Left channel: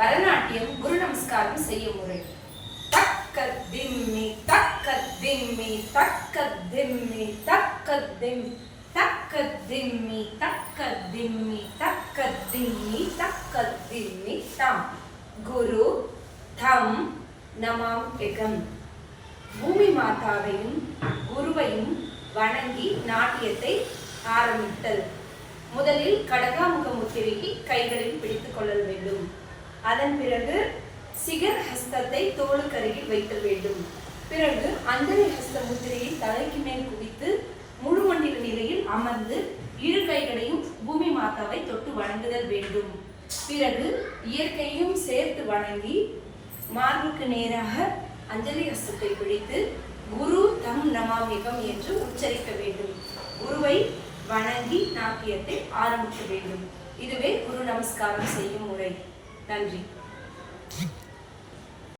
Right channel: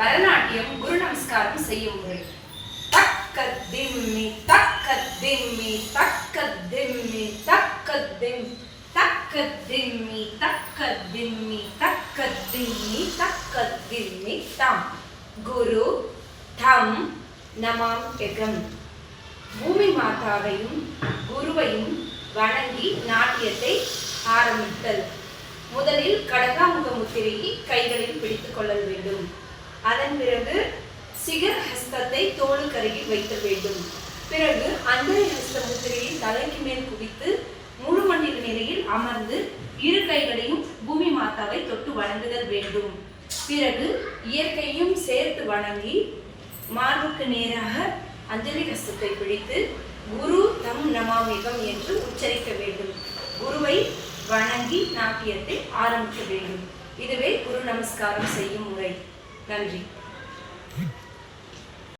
பரதநாட்டியம் குரு நமஸ்காரம் செய்யும் முறை. தக்க திம்மி தக்க திம்மி தக்க திம்மி தக்க திம் தக்க திம்மி தக்க திம்மி தக்க திம்மி தக்க திம்மி தம். குரு தம் நமாம்யகம். பூமி மாதாவையும் குருவையும் வணங்கி நாட்டியத்தை ஆரம்பித்தல். முதலில் கடகாமுக முத்திரையை கைகளில் பிடித்துக் கொள்ள வேண்டும். அதன் பிறகு சிகர் ஹஸ்தத்தை தோளுக்கருகில் வைத்தல் வேண்டும். பிறகு அஞ்சலி ஹஸ்த முத்திரையை தலைக்கு மேல் குவித்து முழு மண்டித நிலையில் அமர்ந்து இரு கைகளையும் பூமி மாதாவை தொட்டு வணங்குதல் வேண்டும். பிறகு இயற்கையும் சேர்த்து வணங்கி மார்புக்கு நேராக அஞ்சலி ஹஸ்தத்தை பிடித்து குரு தம் நமாமிகம் என்று உச்சரிக்க வேண்டும். குருவை வணங்கி நாட்டியத்தை ஆரம்பிக்க வேண்டும். இதுவே குரு நமஸ்காரம் செய்யும் முறை. நன்றி.